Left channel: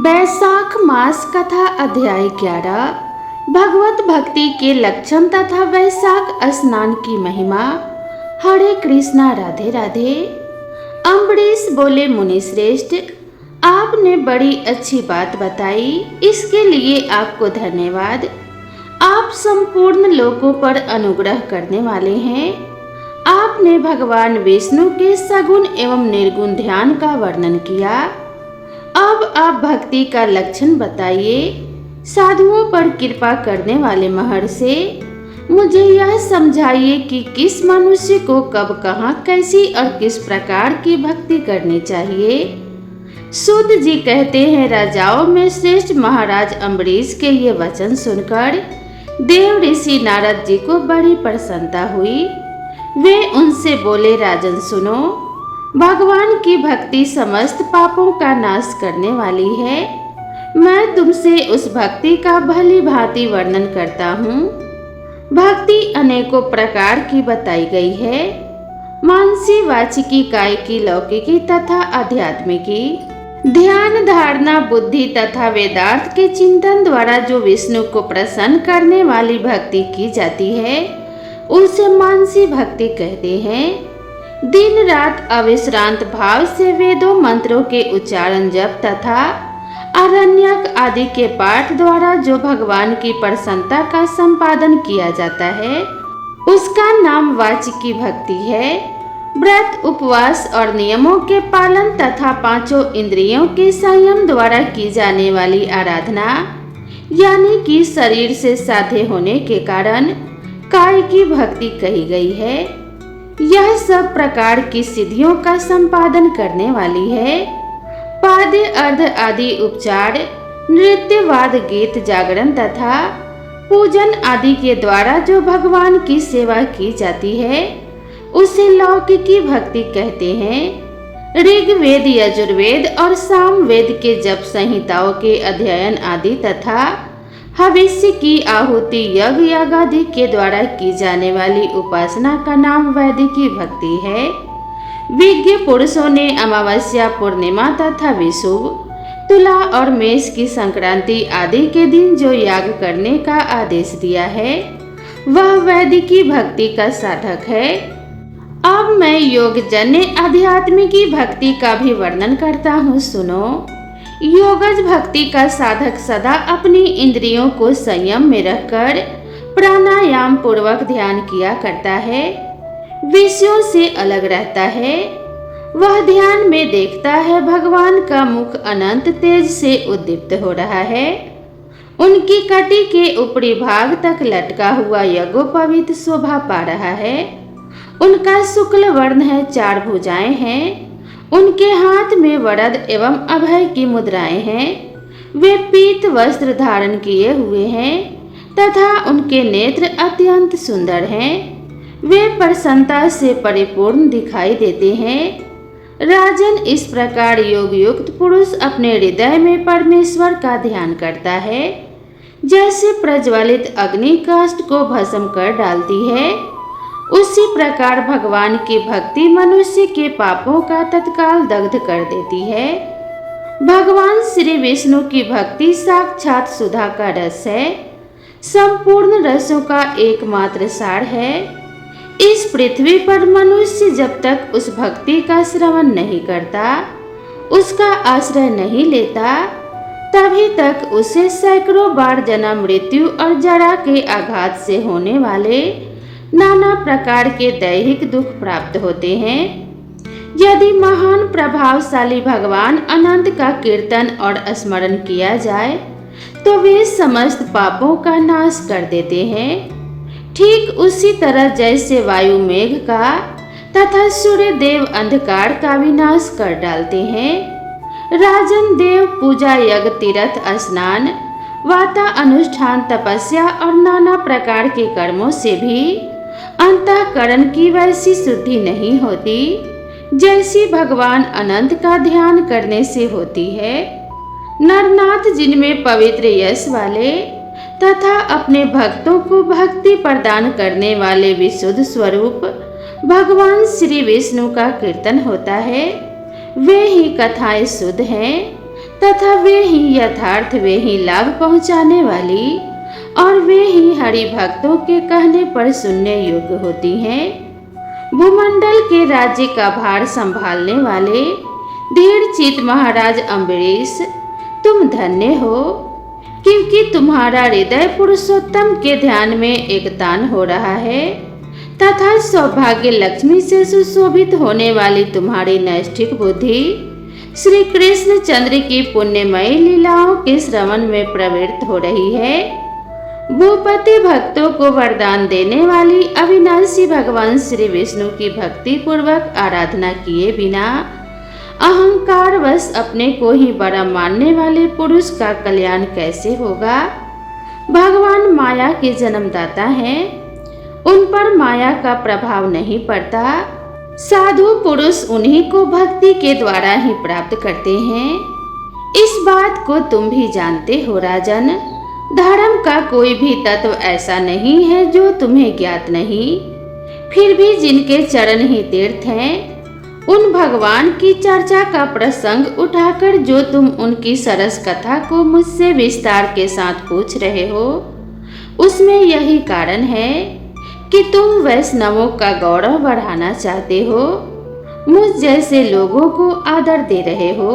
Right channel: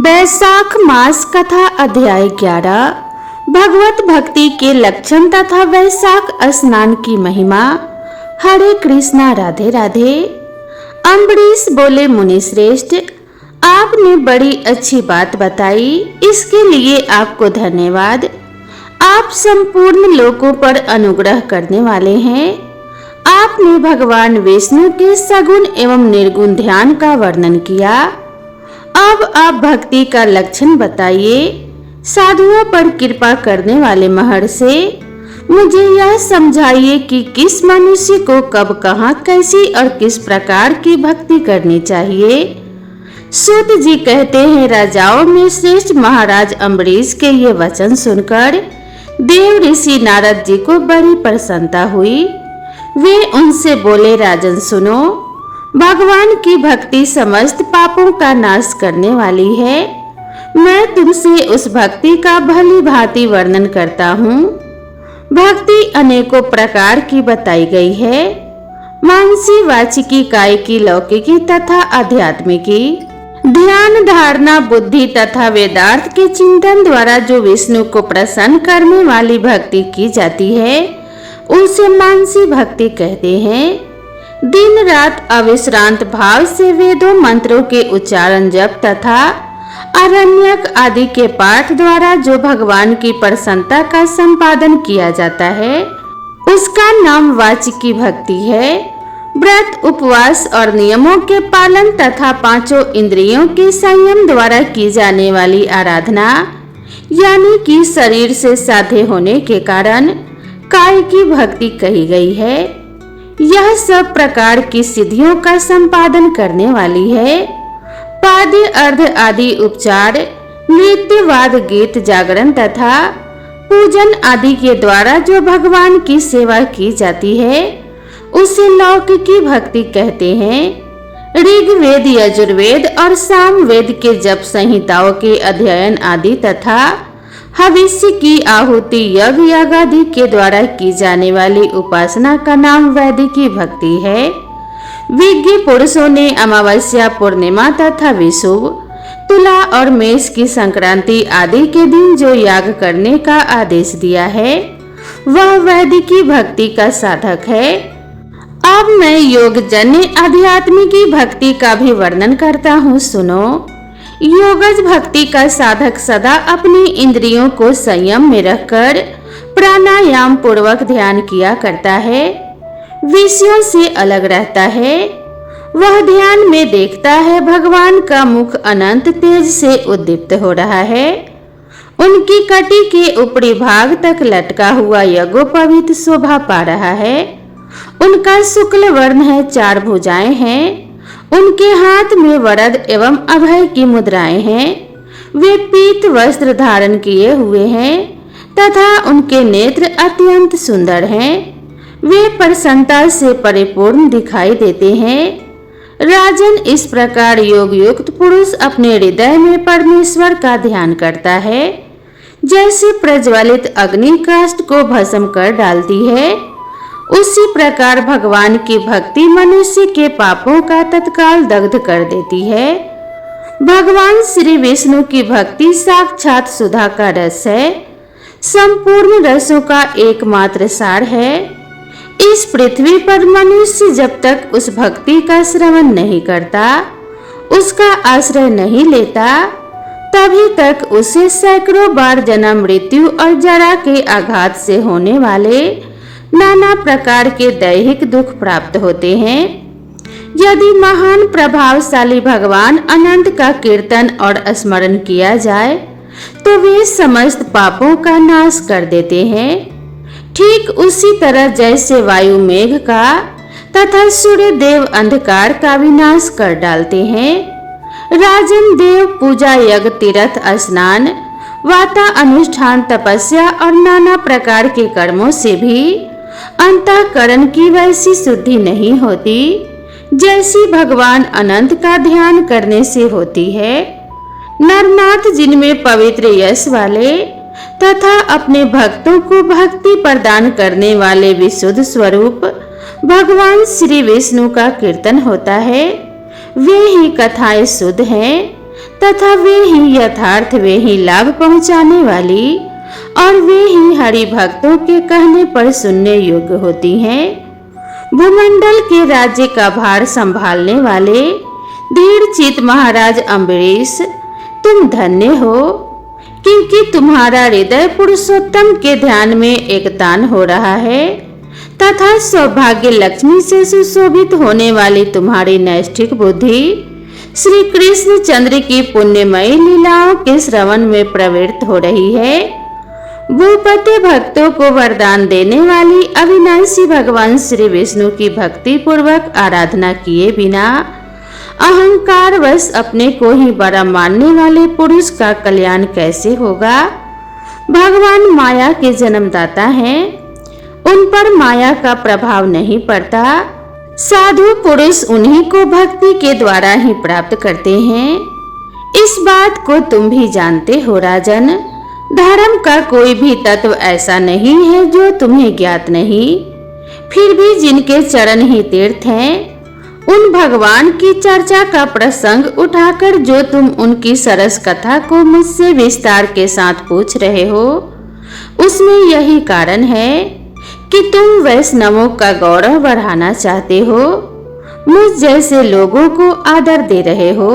बैसाख मास कथा अध्याय 11 भगवत भक्ति के लक्षण तथा वैशाख स्नान की महिमा। हरे कृष्णा, राधे राधे। अम्बरीश बोले, मुनि श्रेष्ठ, आपने बड़ी अच्छी बात बताई, इसके लिए आपको धन्यवाद। आप संपूर्ण लोकों पर अनुग्रह करने वाले हैं। आपने भगवान विष्णु के सगुण एवं निर्गुण ध्यान का वर्णन किया। अब आप भक्ति का लक्षण बताइए। साधुओं पर कृपा करने वाले महर्षि, मुझे यह समझाइए कि किस मनुष्य को कब, कहाँ, कैसी और किस प्रकार की भक्ति करनी चाहिए। सूत जी कहते हैं, राजाओं में श्रेष्ठ महाराज अम्बरीश के ये वचन सुनकर देव ऋषि नारद जी को बड़ी प्रसन्नता हुई। वे उनसे बोले, राजन सुनो, भगवान की भक्ति समस्त पापों का नाश करने वाली है। मैं तुमसे उस भक्ति का भली भांति वर्णन करता हूँ। भक्ति अनेकों प्रकार की बताई गई है, मानसी, वाचिकी, कायिकी, लौकिकी तथा आध्यात्मिकी। ध्यान, धारणा, बुद्धि तथा वेदार्थ के चिंतन द्वारा जो विष्णु को प्रसन्न करने वाली भक्ति की जाती है, उसे मानसी भक्ति कहते हैं। दिन रात अविश्रांत भाव से वेदों मंत्रों के उच्चारण, जप तथा आरण्यक आदि के पाठ द्वारा जो भगवान की प्रसन्नता का संपादन किया जाता है, उसका नाम वाचिकी भक्ति है। व्रत, उपवास और नियमों के पालन तथा पांचों इंद्रियों के संयम द्वारा की जाने वाली आराधना, यानी कि शरीर से साध्य होने के कारण कायिकी भक्ति कही गई है। यह सब प्रकार की सिद्धियों का संपादन करने वाली है। पाद्य, अर्ध आदि उपचार, नृत्य, वाद, गीत, जागरण तथा पूजन आदि के द्वारा जो भगवान की सेवा की जाती है, उसे लौकिकी भक्ति कहते हैं। ऋग्वेद, यजुर्वेद और सामवेद के जप संहिताओं के अध्ययन आदि तथा भविष्य की आहुति, यज्ञ, याग आदि के द्वारा की जाने वाली उपासना का नाम वैदिकी भक्ति है। विज्ञ पुरुषों ने अमावस्या, पूर्णिमा तथा विषुव, तुला और मेष की संक्रांति आदि के दिन जो याग करने का आदेश दिया है, वह वैदिकी भक्ति का साधक है। अब मैं योगजन्य आध्यात्मिकी भक्ति का भी वर्णन करता हूँ, सुनो। योगज भक्ति का साधक सदा अपनी इंद्रियों को संयम में रखकर प्राणायाम पूर्वक ध्यान किया करता है, विषयों से अलग रहता है। वह ध्यान में देखता है भगवान का मुख अनंत तेज से उद्दीप्त हो रहा है। उनकी कटी के ऊपरी भाग तक लटका हुआ यज्ञोपवीत शोभा पा रहा है। उनका शुक्ल वर्ण है, 4 भुजाएं हैं। उनके हाथ में वरद एवं अभय की मुद्राएं हैं। वे पीत वस्त्र धारण किए हुए हैं तथा उनके नेत्र अत्यंत सुंदर हैं। वे प्रसन्नता से परिपूर्ण दिखाई देते हैं। राजन, इस प्रकार योग युक्त पुरुष अपने हृदय में परमेश्वर का ध्यान करता है। जैसे प्रज्वलित अग्नि काष्ठ को भस्म कर डालती है, उसी प्रकार भगवान की भक्ति मनुष्य के पापों का तत्काल दग्ध कर देती है। भगवान श्री विष्णु की भक्ति साक्षात सुधा का रस है, संपूर्ण रसों का एकमात्र सार है। इस पृथ्वी पर मनुष्य जब तक उस भक्ति का श्रवण नहीं करता, उसका आश्रय नहीं लेता, तभी तक उसे सैकड़ों बार जन्म, मृत्यु और जरा के आघात से होने वाले नाना प्रकार के दैहिक दुख प्राप्त होते हैं। यदि महान प्रभावशाली भगवान अनंत का कीर्तन और स्मरण किया जाए, तो वे समस्त पापों का नाश कर देते हैं। ठीक उसी तरह जैसे वायु मेघ का तथा सूर्य देव अंधकार का विनाश कर डालते हैं। राजन, देव पूजा, यज्ञ, तीर्थ स्नान, वाता अनुष्ठान, तपस्या और नाना प्रकार के कर्मों से भी अंतःकरण की वैसी शुद्धि नहीं होती जैसी भगवान अनंत का ध्यान करने से होती है। नरनाथ, जिनमें पवित्र यश वाले तथा अपने भक्तों को भक्ति प्रदान करने वाले विशुद्ध स्वरूप भगवान श्री विष्णु का कीर्तन होता है, वे ही कथाएं शुद्ध हैं तथा वे ही यथार्थ, वे ही लाभ पहुंचाने वाली और वे ही हरि भक्तों के कहने पर सुनने योग्य होती हैं। भूमंडल के राज्य का भार संभालने वाले धीर चित महाराज अम्बरीश, तुम धन्य हो, क्योंकि तुम्हारा हृदय पुरुषोत्तम के ध्यान में एकतान हो रहा है तथा सौभाग्य लक्ष्मी से सुशोभित होने वाली तुम्हारी नैष्ठिक बुद्धि श्री कृष्ण चंद्र की पुण्यमयी लीलाओं के श्रवण में प्रवृत्त हो रही है। भूपति भक्तों को वरदान देने वाली अविनाशी भगवान श्री विष्णु की भक्ति पूर्वक आराधना किए बिना अहंकार वश अपने को ही बड़ा मानने वाले पुरुष का कल्याण कैसे होगा। भगवान माया के जन्मदाता हैं, उन पर माया का प्रभाव नहीं पड़ता। साधु पुरुष उन्हीं को भक्ति के द्वारा ही प्राप्त करते हैं। इस बात को तुम भी जानते हो राजन। धर्म का कोई भी तत्व ऐसा नहीं है जो तुम्हें ज्ञात नहीं। फिर भी जिनके चरण ही तीर्थ हैं, उन भगवान की चर्चा का प्रसंग उठाकर जो तुम उनकी सरस कथा को मुझसे विस्तार के साथ पूछ रहे हो, उसमें यही कारण है कि तुम वैष्णवों का गौरव बढ़ाना चाहते हो, मुझ जैसे लोगों को आदर दे रहे हो।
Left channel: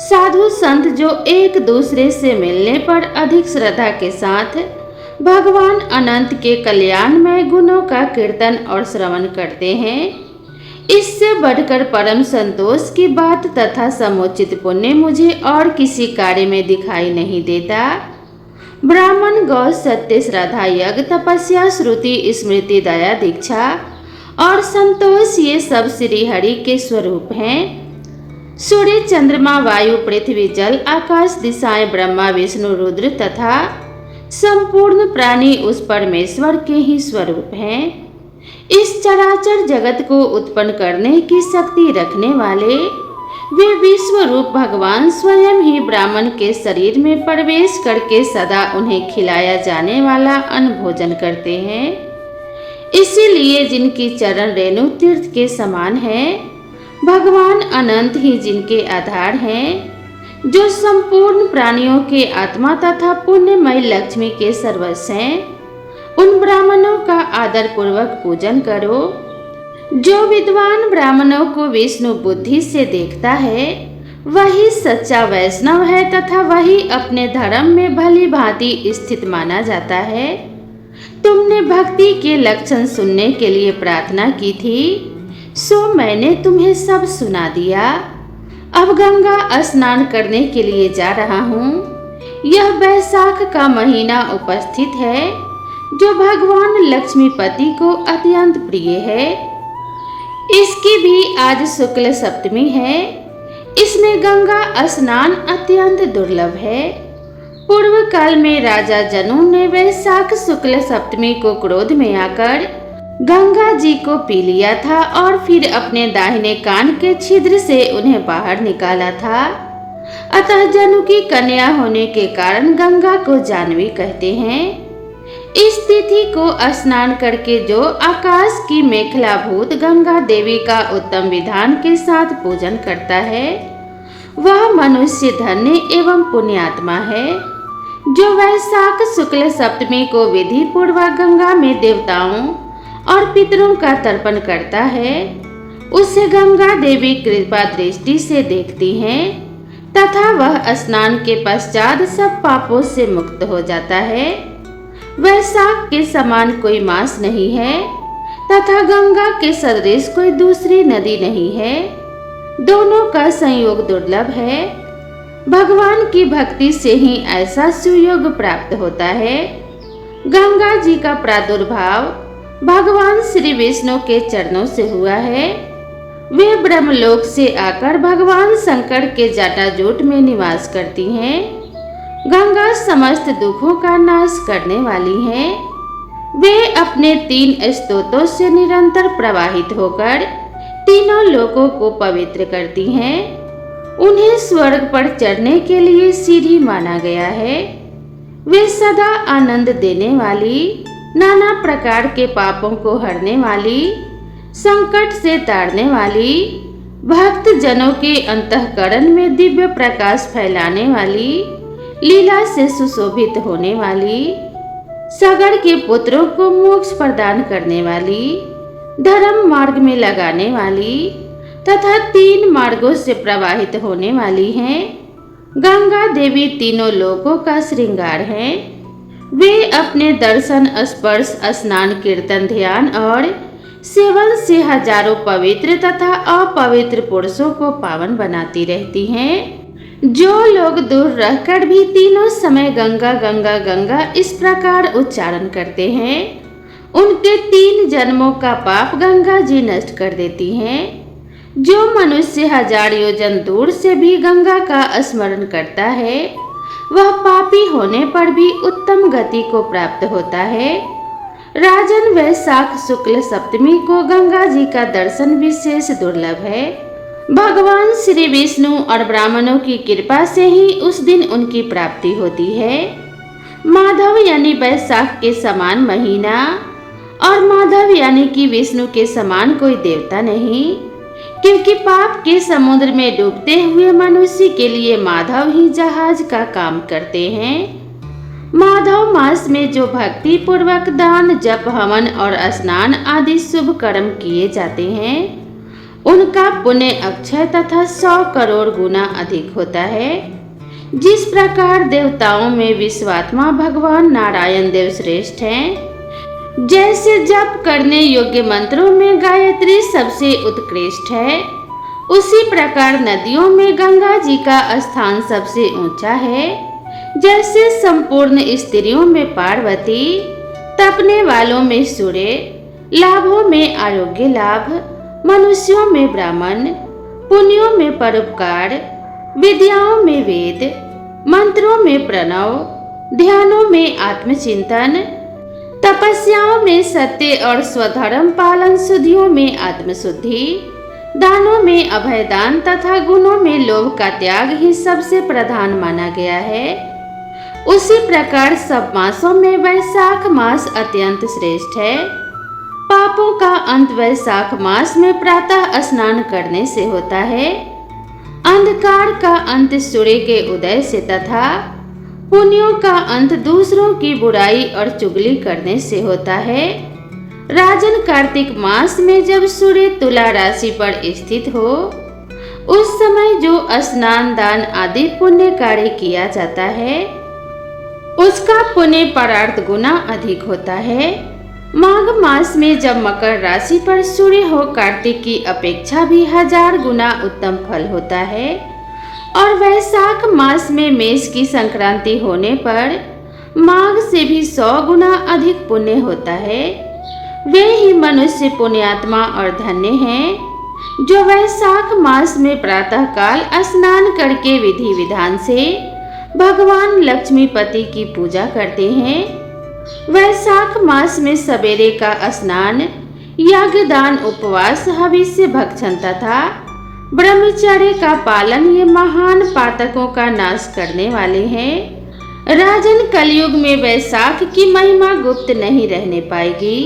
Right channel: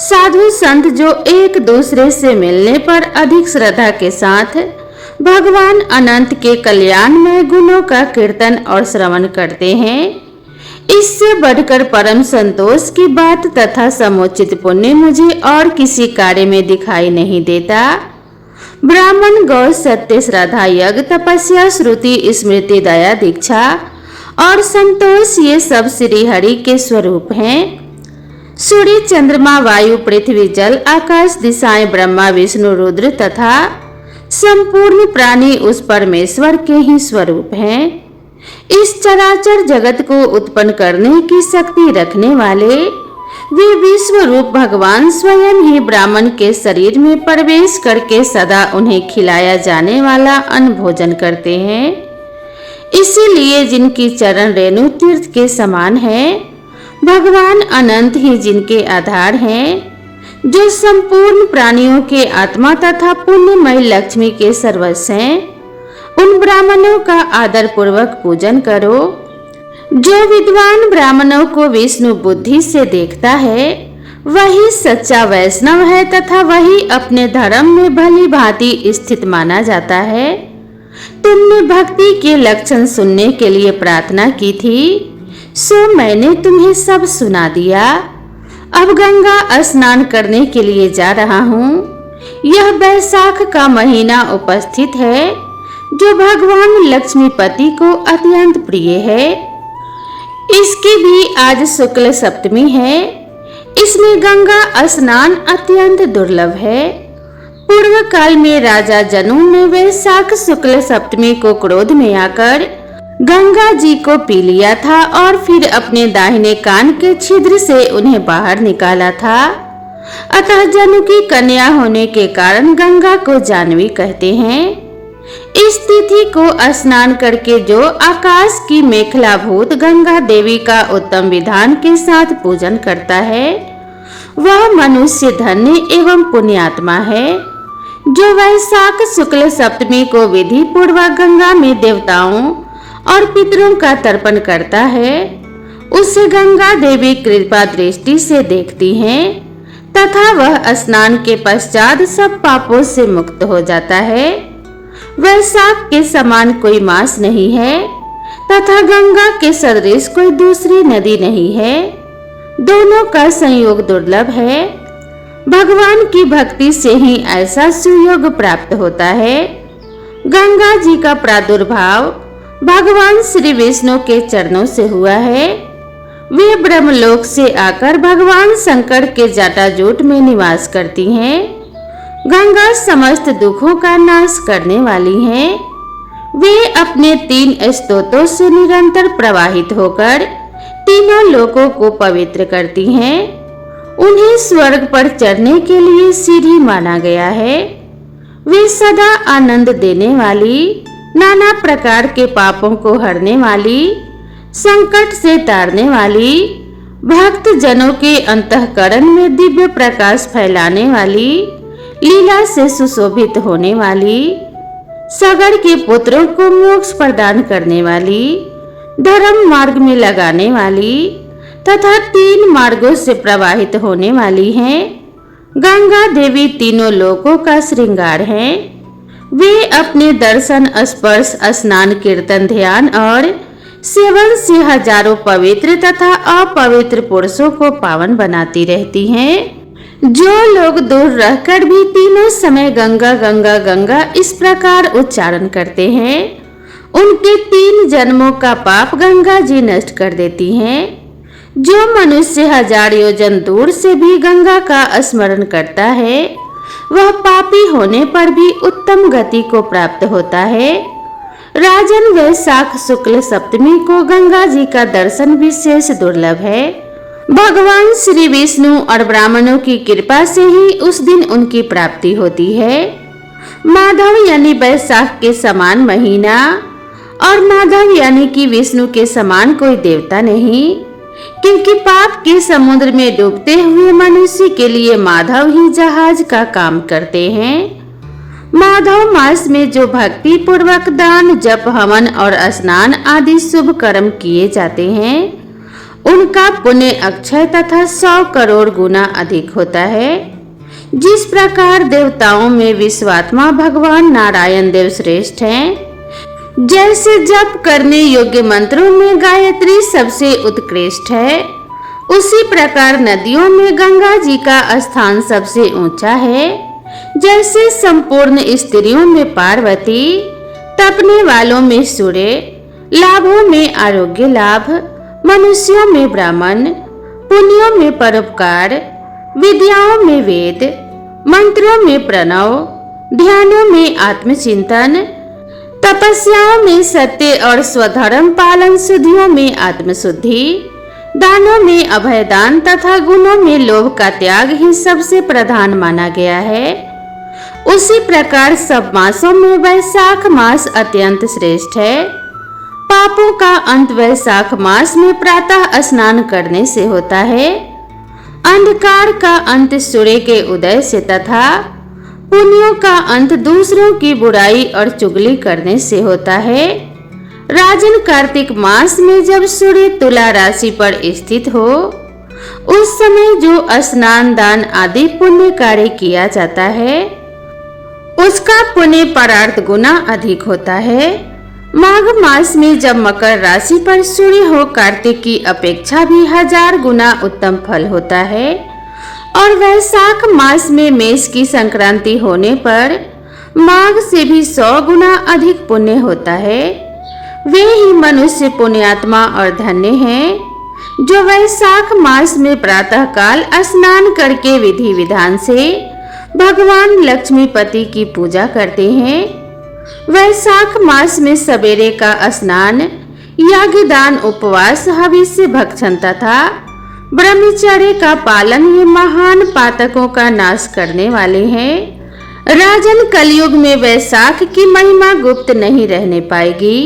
साधु संत जो एक दूसरे से मिलने पर अधिक श्रद्धा के साथ भगवान अनंत के कल्याणमय गुणों का कीर्तन और श्रवण करते हैं, इससे बढ़कर परम संतोष की बात तथा समुचित पुण्य मुझे और किसी कार्य में दिखाई नहीं देता। ब्राह्मण, गौ, सत्य, श्रद्धा, यज्ञ, तपस्या, श्रुति, स्मृति, दया, दीक्षा और संतोष, ये सब श्री हरि के स्वरूप हैं। सूर्य, चंद्रमा, वायु, पृथ्वी, जल, आकाश, दिशाएं, ब्रह्मा, विष्णु, रुद्र तथा संपूर्ण प्राणी उस परमेश्वर के ही स्वरूप हैं। इस चराचर जगत को उत्पन्न करने की शक्ति रखने वाले वे विश्व रूप भगवान स्वयं ही ब्राह्मण के शरीर में प्रवेश करके सदा उन्हें खिलाया जाने वाला अन्न भोजन करते हैं। इसीलिए जिनकी चरण रेणु तीर्थ के समान है, भगवान अनंत ही जिनके आधार हैं, जो संपूर्ण प्राणियों के आत्मा तथा पुण्यमय लक्ष्मी के सर्वस्व हैं, उन ब्राह्मणों का आदर पूर्वक पूजन करो। जो विद्वान ब्राह्मणों को विष्णु बुद्धि से देखता है, वही सच्चा वैष्णव है तथा वही अपने धर्म में भली भांति स्थित माना जाता है। तुमने भक्ति के लक्षण सुनने के लिए प्रार्थना की थी, सो मैंने तुम्हें सब सुना दिया। अब गंगा स्नान करने के लिए जा रहा हूँ। यह वैशाख का महीना उपस्थित है, जो भगवान लक्ष्मीपति को अत्यंत प्रिय है। इसकी भी आज शुक्ल सप्तमी है। इसमें गंगा स्नान अत्यंत दुर्लभ है। पूर्व काल में राजा जनू ने वैशाख शुक्ल सप्तमी को क्रोध में आकर गंगा जी को पी लिया था और फिर अपने दाहिने कान के छिद्र से उन्हें बाहर निकाला था। अतः जनू की कन्या होने के कारण गंगा को जानवी कहते हैं। इस तिथि को स्नान करके जो आकाश की मेखलाभूत गंगा देवी का उत्तम विधान के साथ पूजन करता है, वह मनुष्य धन्य एवं पुण्यात्मा है। जो वैशाख शुक्ल सप्तमी को विधि पूर्वक गंगा में देवताओं और पितरों का तर्पण करता है, उसे गंगा देवी कृपा दृष्टि से देखती हैं तथा वह स्नान के पश्चात सब पापों से मुक्त हो जाता है। वैशाख के समान कोई मास नहीं है तथा गंगा के सदृश कोई दूसरी नदी नहीं है। दोनों का संयोग दुर्लभ है। भगवान की भक्ति से ही ऐसा सुयोग प्राप्त होता है। गंगा जी का प्रादुर्भाव भगवान श्री विष्णु के चरणों से हुआ है। वे ब्रह्मलोक से आकर भगवान शंकर के जटाजूट में निवास करती हैं। गंगा समस्त दुखों का नाश करने वाली हैं। वे अपने 3 स्तोत्रों से निरंतर प्रवाहित होकर तीनों लोकों को पवित्र करती हैं। उन्हें स्वर्ग पर चढ़ने के लिए सीढ़ी माना गया है। वे सदा आनंद देने वाली, नाना प्रकार के पापों को हरने वाली, संकट से तारने वाली भक्त जनों के अंतःकरण में दिव्य प्रकाश फैलाने वाली, लीला से सुशोभित होने वाली, सगर के पुत्रों को मोक्ष प्रदान करने वाली, धर्म मार्ग में लगाने वाली तथा 3 मार्गों से प्रवाहित होने वाली हैं। गंगा देवी तीनों लोकों का श्रृंगार हैं। वे अपने दर्शन, स्पर्श, स्नान, कीर्तन, ध्यान और सेवन से हजारों पवित्र तथा अपवित्र पुरुषों को पावन बनाती रहती हैं। जो लोग दूर रहकर भी तीनों समय गंगा गंगा गंगा इस प्रकार उच्चारण करते हैं, उनके 3 जन्मों का पाप गंगा जी नष्ट कर देती हैं। जो मनुष्य 1000 योजन दूर से भी गंगा का स्मरण करता है, वह पापी होने पर भी उत्तम गति को प्राप्त होता है। राजन, वैशाख शुक्ल सप्तमी को गंगा जी का दर्शन विशेष दुर्लभ है। भगवान श्री विष्णु और ब्राह्मणों की कृपा से ही उस दिन उनकी प्राप्ति होती है। माधव यानी वैशाख के समान महीना और माधव यानी कि विष्णु के समान कोई देवता नहीं, क्योंकि पाप के समुद्र में डूबते हुए मनुष्य के लिए माधव ही जहाज का काम करते हैं। माधव मास में जो भक्ति पूर्वक दान, जप, हवन और स्नान आदि शुभ कर्म किए जाते हैं, उनका पुण्य अक्षय तथा 100 करोड़ गुना अधिक होता है। जिस प्रकार देवताओं में विश्वात्मा भगवान नारायण देव श्रेष्ठ हैं, जैसे जप करने योग्य मंत्रों में गायत्री सबसे उत्कृष्ट है, उसी प्रकार नदियों में गंगा जी का स्थान सबसे ऊंचा है। जैसे संपूर्ण स्त्रियों में पार्वती, तपने वालों में सूर्य, लाभों में आरोग्य लाभ, मनुष्यों में ब्राह्मण, पुण्यों में परोपकार, विद्याओं में वेद, मंत्रों में प्रणव, ध्यानों में आत्मचिंतन, तपस्याओं में सत्य और स्वधर्म पालन, शुद्धियों में आत्मशुद्धि, दानों में अभयदान तथा गुणों में लोभ का त्याग ही सबसे प्रधान माना गया है। उसी प्रकार सब मासों में वैशाख मास अत्यंत श्रेष्ठ है। पापों का अंत वैशाख मास में प्रातः स्नान करने से होता है। अंधकार का अंत सूर्य के उदय से तथा पुण्यों का अंत दूसरों की बुराई और चुगली करने से होता है। राजन, कार्तिक मास में जब सूर्य तुला राशि पर स्थित हो, उस समय जो स्नान, दान आदि पुण्य कार्य किया जाता है, उसका पुण्य परार्थ गुना अधिक होता है। माघ मास में जब मकर राशि पर सूर्य हो, कार्तिक की अपेक्षा भी 1000 गुना उत्तम फल होता है। और वैशाख मास में मेष की संक्रांति होने पर माघ से भी 100 गुना अधिक पुण्य होता है। वे ही मनुष्य पुण्यात्मा और धन्य हैं जो वैशाख मास में प्रातः काल स्नान करके विधि विधान से भगवान लक्ष्मीपति की पूजा करते हैं। वैशाख मास में सवेरे का स्नान, याग, दान, उपवास, हविष्य, भक्षण तथा ब्रह्मचर्य का पालन ये महान पातकों का नाश करने वाले हैं। राजन, कलयुग में वैशाख की महिमा गुप्त नहीं रहने पाएगी,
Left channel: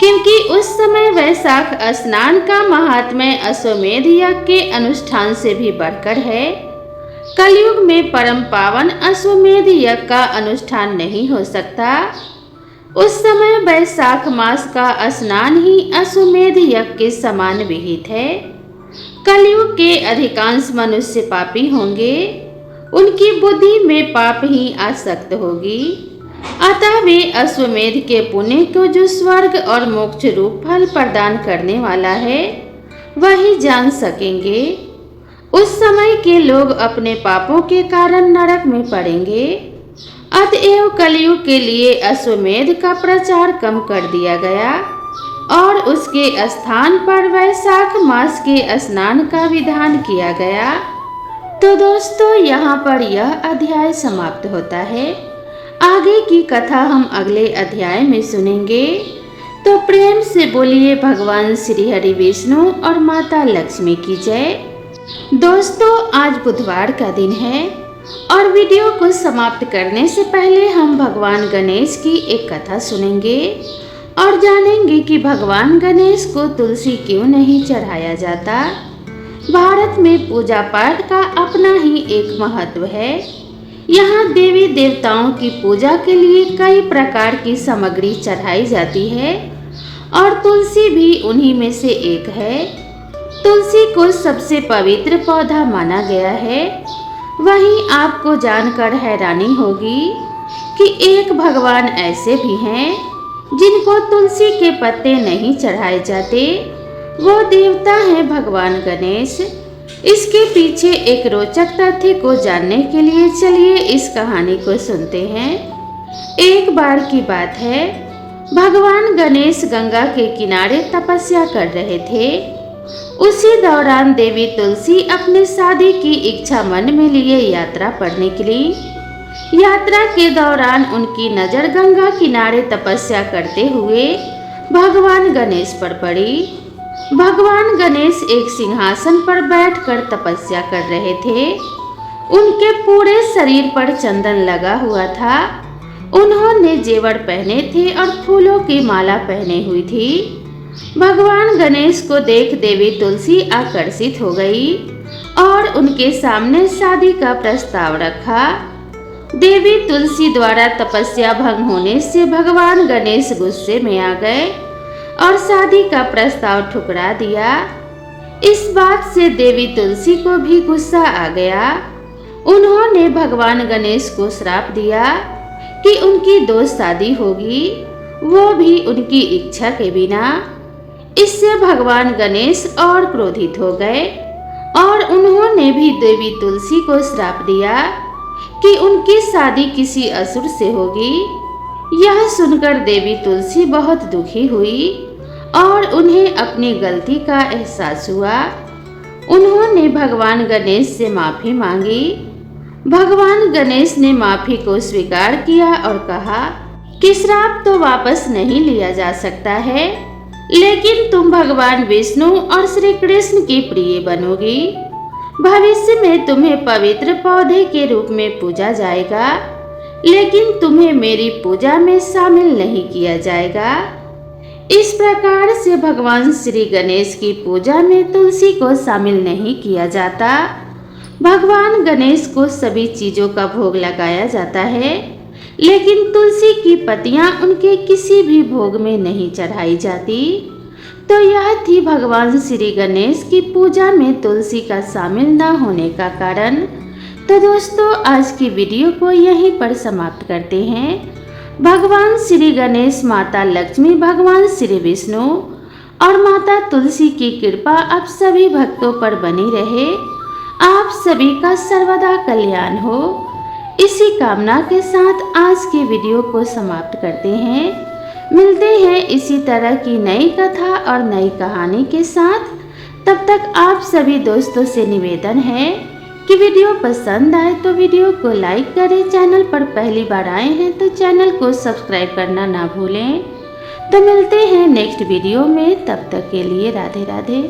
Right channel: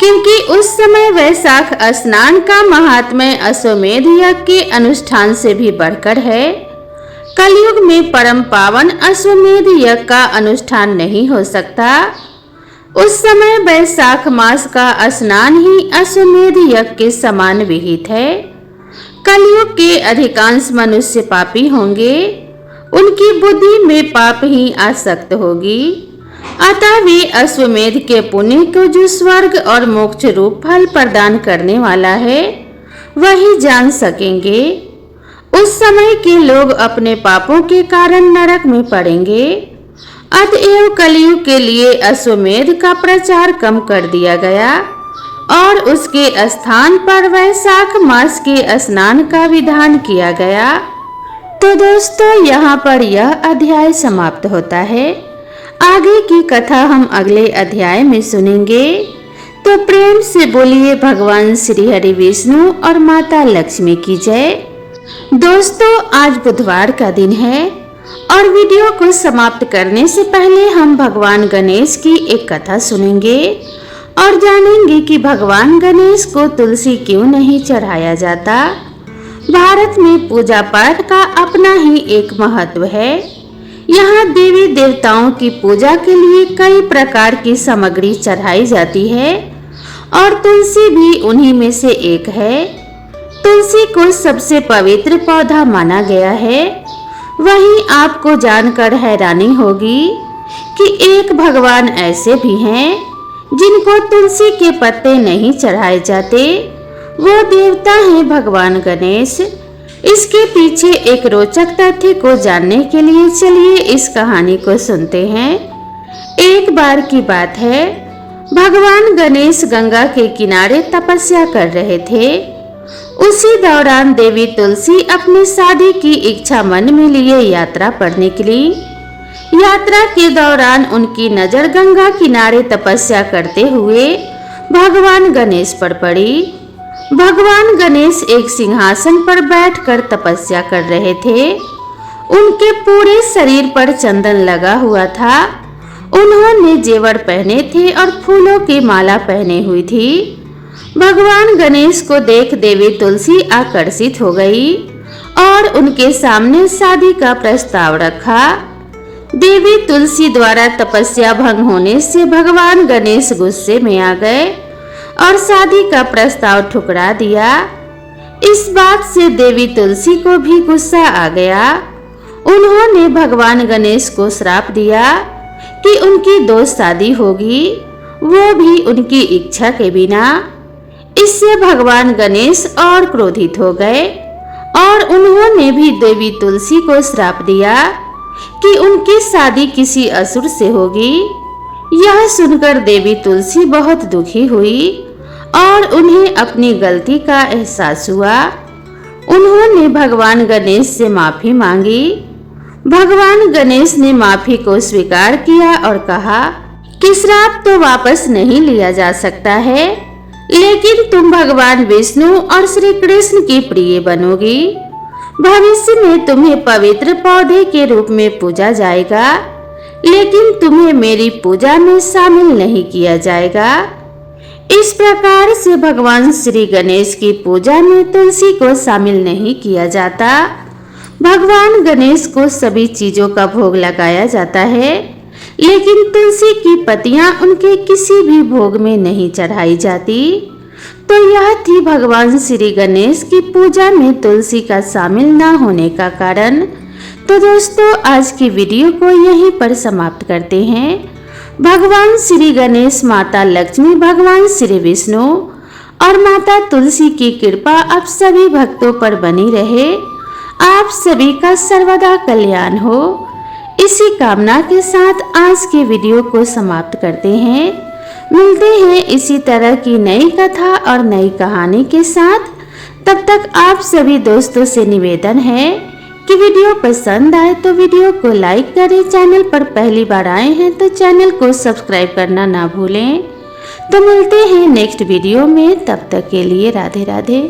क्योंकि उस समय वैशाख स्नान का महात्म्य अश्वमेध यज्ञ के अनुष्ठान से भी बढ़कर है। कलयुग में परम पावन अश्वमेध यज्ञ का अनुष्ठान नहीं हो सकता। उस समय वैशाख मास का स्नान ही अश्वमेध यज्ञ के समान विहित है। कलयुग के अधिकांश मनुष्य पापी होंगे, उनकी बुद्धि में पाप ही आसक्त होगी, अतः वे अश्वमेध के पुण्य को जो स्वर्ग और मोक्ष रूप फल प्रदान करने वाला है, वही जान सकेंगे। उस समय के लोग अपने पापों के कारण नरक में पड़ेंगे। अतएव कलयुग के लिए अश्वमेध का प्रचार कम कर दिया गया और उसके स्थान पर वैशाख मास के स्नान का विधान किया गया। तो दोस्तों, यहाँ पर यह अध्याय समाप्त होता है। आगे की कथा हम अगले अध्याय में सुनेंगे। तो प्रेम से बोलिए भगवान श्री हरि विष्णु और माता लक्ष्मी की जय। दोस्तों, आज बुधवार का दिन है और वीडियो को समाप्त करने से पहले हम भगवान गणेश की एक कथा सुनेंगे और जानेंगे कि भगवान गणेश को तुलसी क्यों नहीं चढ़ाया जाता। भारत में पूजा पाठ का अपना ही एक महत्व है। यहाँ देवी देवताओं की पूजा के लिए कई प्रकार की सामग्री चढ़ाई जाती है और तुलसी भी उन्हीं में से एक है। तुलसी को सबसे पवित्र पौधा माना गया है। वहीं आपको जानकर हैरानी होगी कि एक भगवान ऐसे भी हैं जिनको तुलसी के पत्ते नहीं चढ़ाए जाते। वो देवता हैं भगवान गणेश। इसके पीछे एक रोचक तथ्य को जानने के लिए चलिए इस कहानी को सुनते हैं। एक बार की बात है, भगवान गणेश गंगा के किनारे तपस्या कर रहे थे। उसी दौरान देवी तुलसी अपनी शादी की इच्छा मन में लिए यात्रा पर निकली। यात्रा के दौरान उनकी नजर गंगा किनारे तपस्या करते हुए भगवान गणेश पर पड़ी। भगवान गणेश एक सिंहासन पर बैठकर तपस्या कर रहे थे। उनके पूरे शरीर पर चंदन लगा हुआ था। उन्होंने जेवर पहने थे और फूलों की माला पहने हुई थी। भगवान गणेश को देख देवी तुलसी आकर्षित हो गई और उनके सामने शादी का प्रस्ताव रखा। देवी तुलसी द्वारा तपस्या भंग होने से भगवान गणेश गुस्से में आ गए और शादी का प्रस्ताव ठुकरा दिया। इस बात से देवी तुलसी को भी गुस्सा आ गया। उन्होंने भगवान गणेश को श्राप दिया कि उनकी 2 शादी होगी, वो भी उनकी इच्छा के बिना। इससे भगवान गणेश और क्रोधित हो गए और उन्होंने भी देवी तुलसी को श्राप दिया कि उनकी शादी किसी असुर से होगी। यह सुनकर देवी तुलसी बहुत दुखी हुई और उन्हें अपनी गलती का एहसास हुआ। उन्होंने भगवान गणेश से माफी मांगी। भगवान गणेश ने माफी को स्वीकार किया और कहा कि श्राप तो वापस नहीं लिया जा सकता है, लेकिन तुम भगवान विष्णु और श्री कृष्ण की प्रिय बनोगी। भविष्य में तुम्हें पवित्र पौधे के रूप में पूजा जाएगा, लेकिन तुम्हें मेरी पूजा में शामिल नहीं किया जाएगा। इस प्रकार से भगवान श्री गणेश की पूजा में तुलसी को शामिल नहीं किया जाता। भगवान गणेश को सभी चीजों का भोग लगाया जाता है, लेकिन तुलसी की पत्तियां उनके किसी भी भोग में नहीं चढ़ाई जाती। तो यह थी भगवान श्री गणेश की पूजा में तुलसी का शामिल न होने का कारण। तो दोस्तों, आज की वीडियो को यहीं पर समाप्त करते हैं। भगवान श्री गणेश, माता लक्ष्मी, भगवान श्री विष्णु और माता तुलसी की कृपा आप सभी भक्तों पर बनी रहे। आप सभी का सर्वदा कल्याण हो। इसी कामना के साथ आज के वीडियो को समाप्त करते हैं। मिलते हैं इसी तरह की नई कथा और नई कहानी के साथ। तब तक आप सभी दोस्तों से निवेदन है कि वीडियो पसंद आए तो वीडियो को लाइक करें। चैनल पर पहली बार आए हैं तो चैनल को सब्सक्राइब करना ना भूलें। तो मिलते हैं नेक्स्ट वीडियो में। तब तक के लिए राधे राधे।